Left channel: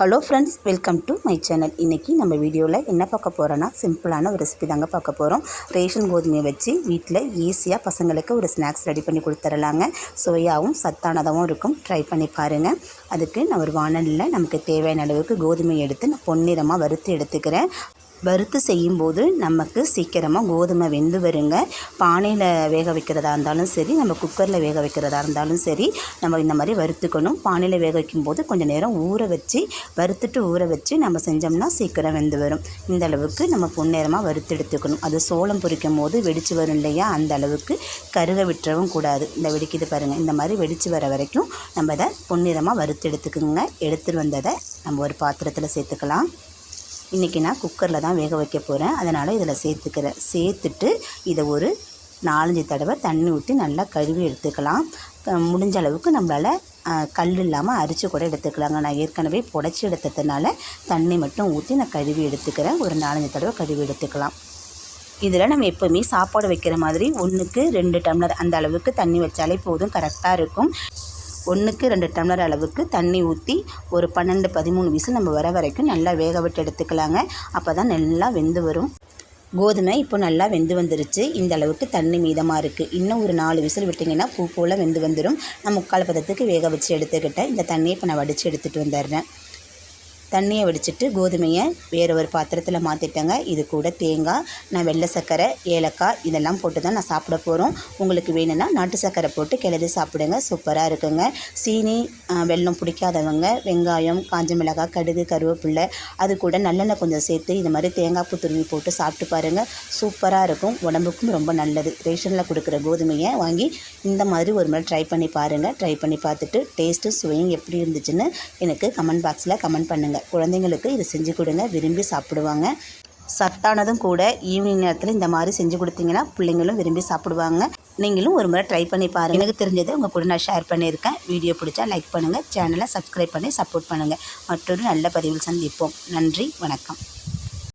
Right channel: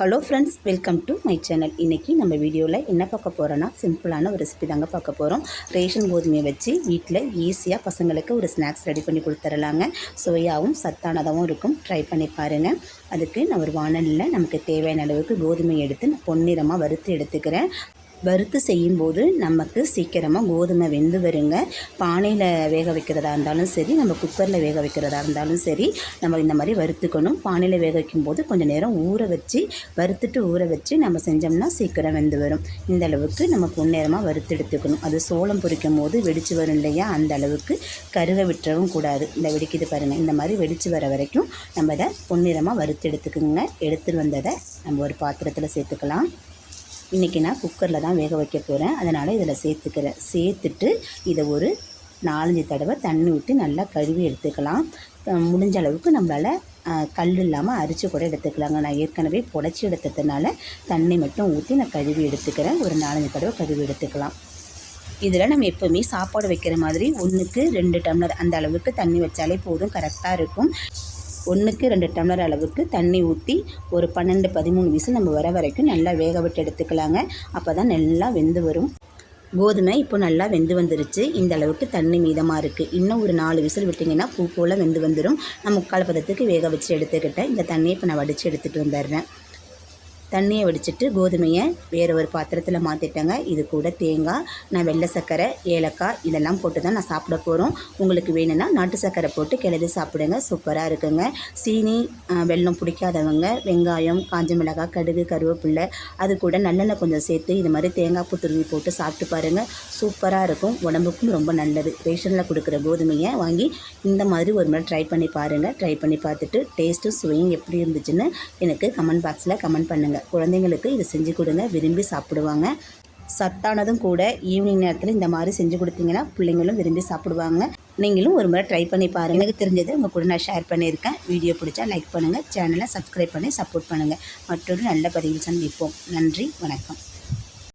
Hello friends, welcome to my channel. இன்றைக்கி நம்ம வீடியோவில் என்ன பார்க்க போகிறோன்னா, சிம்பிளான ஒரு ரெசிபி தாங்க பார்க்க போகிறோம். ரேஷன் கோதுமையை வச்சு வீட்டில் ஈஸியாக பசங்களுக்கு ஒரு ஸ்நாக்ஸ் ரெடி பண்ணி கொடுத்துடலாங்க. சுவையாகவும் சத்தானதாகவும் இருக்கும். ட்ரை பண்ணி பாருங்கள். அதுக்கு நான் ஒரு வானலில் நமக்கு தேவையான அளவுக்கு கோதுமையை எடுத்து நான் பொன்னிறமாக வறுத்து எடுத்துக்கிறேன். வறுத்து செய்யும்போது நமக்கு சீக்கிரமாக கோதுமை வெந்து வருங்க. பானையில் வேக வைக்கிறதா இருந்தாலும் சரி, நம்ம குக்கரில் வேக வைக்கிறதா இருந்தாலும் சரி, நம்ம இந்த மாதிரி வறுத்துக்கணும். பானையில் வேக வைக்கும்போது கொஞ்சம் நேரம் ஊற வச்சு நம்ம செஞ்சோம்னா சீக்கிரம் வெந்து வரும். இந்த அளவுக்கு நம்ம பொன்னிறமாக வறுத்து எடுத்துக்கணும். அது சோளம் பொரிக்கும் போது வெடித்து வரும் இல்லையா, அந்த அளவுக்கு கருக விட்டுறவும் கூடாது. இந்த வெடிக்குது பாருங்கள், இந்த மாதிரி வெடித்து வர வரைக்கும் நம்ம இதை பொன்னிறமாக வறுத்து எடுத்துக்கோங்க. எடுத்துகிட்டு வந்ததை நம்ம ஒரு பாத்திரத்தில் சேர்த்துக்கலாம். இன்றைக்கி நான் குக்கரில் தான் வேக வைக்க போகிறேன், அதனால் இதில் சேர்த்துட்டு இதை ஒரு 4-5 தடவை தண்ணி ஊற்றி நல்லா கழுவி எடுத்துக்கலாம். முடிஞ்ச அளவுக்கு நம்மளால் கல் இல்லாமல் அரிச்சு கூட எடுத்துக்கலாங்க. நான் ஏற்கனவே புடைச்சி எடுத்ததுனால தண்ணி மட்டும் ஊற்றி நான் கழுவி எடுத்துக்கிறேன். ஒரு 4-5 தடவை கழுவி எடுத்துக்கலாம். இதில் நம்ம எப்போவுமே சாப்பாடு வைக்கிற மாதிரி 1க்கு 2 டம்ளர் அந்த அளவுக்கு தண்ணி வச்சாலே போதும், கரெக்டாக இருக்கும். 1க்கு 2 டம்ளர் அளவுக்கு தண்ணி ஊற்றி ஒரு 12-13 விசில் நம்ம வர வரைக்கும் நல்லா வேக விட்டு எடுத்துக்கலாங்க. அப்போ தான் நல்லா வெந்து வரும். கோதுமை இப்போ நல்லா வெந்து வந்துருச்சு. இந்த அளவுக்கு தண்ணி மீதமாக இருக்குது. இன்னும் ஒரு 4 விசில் விட்டிங்கன்னா பூ போல் வெந்து வந்துடும். நான் 3/4 பதத்துக்கு வேக வச்சு எடுத்துக்கிட்டேன். இந்த தண்ணியை இப்போ நான் வடித்து எடுத்துகிட்டு வந்துடுறேன். தண்ணியை வடிச்சிட்டு கோதுமையை வேறு ஒரு பாத்திரத்தில் மாற்றிட்டேங்க. இது கூட தேங்காய், நான் வெள்ளை சர்க்கரை, ஏலக்காய் இதெல்லாம் போட்டு தான் நான் சாப்பிட போகிறோம். உங்களுக்கு வேணும்னா நாட்டு சர்க்கரை போட்டு கிளறி சாப்பிடுங்க, சூப்பராக இருக்குங்க. சீனி வெல்லம் பிடிக்காதவங்க வெங்காயம், காஞ்ச மிளகாய், கடுகு, கருவேப்பில்லை அது கூட நல்லெண்ணெய் கொஞ்சம் சேர்த்து இது மாதிரி தேங்காய் பூ துருவி போட்டு சாப்பிட்டு பாருங்கள், சூப்பராக இருக்கும். உடம்புக்கும் ரொம்ப நல்லது. ரேஷனில் கொடுக்குற கோதுமையை வாங்கி இந்த மாதிரி ஒரு முறை ட்ரை பண்ணி பாருங்கள். ட்ரை பண்ணி பார்த்துட்டு டேஸ்ட்டு சுவையும் எப்படி இருந்துச்சுன்னு எனக்கு கமெண்ட் பாக்ஸில் கமெண்ட் பண்ணுங்கள். குழந்தைங்களுக்கு இது செஞ்சு கொடுங்க, விரும்பி சாப்பிடுவாங்க. சத்தானதும் கூட. ஈவினிங் நேரத்தில் இந்த மாதிரி செஞ்சு கொடுத்தீங்கன்னா பிள்ளைங்களும் விரும்பி சாப்பிடுவாங்க. நீங்களும் ஒரு முறை ட்ரை பண்ணி பாருங்கள். எனக்கு தெரிஞ்சதை உங்கள் கூட நான் ஷேர் பண்ணியிருக்கேன். வீடியோ பிடிச்சா லைக் பண்ணுங்கள், சேனலை சப்ஸ்கிரைப் பண்ணி சப்போர்ட் பண்ணுங்கள். மற்றொரு நல்ல பதிவில் சந்திப்போம். நன்றி, வணக்கம்.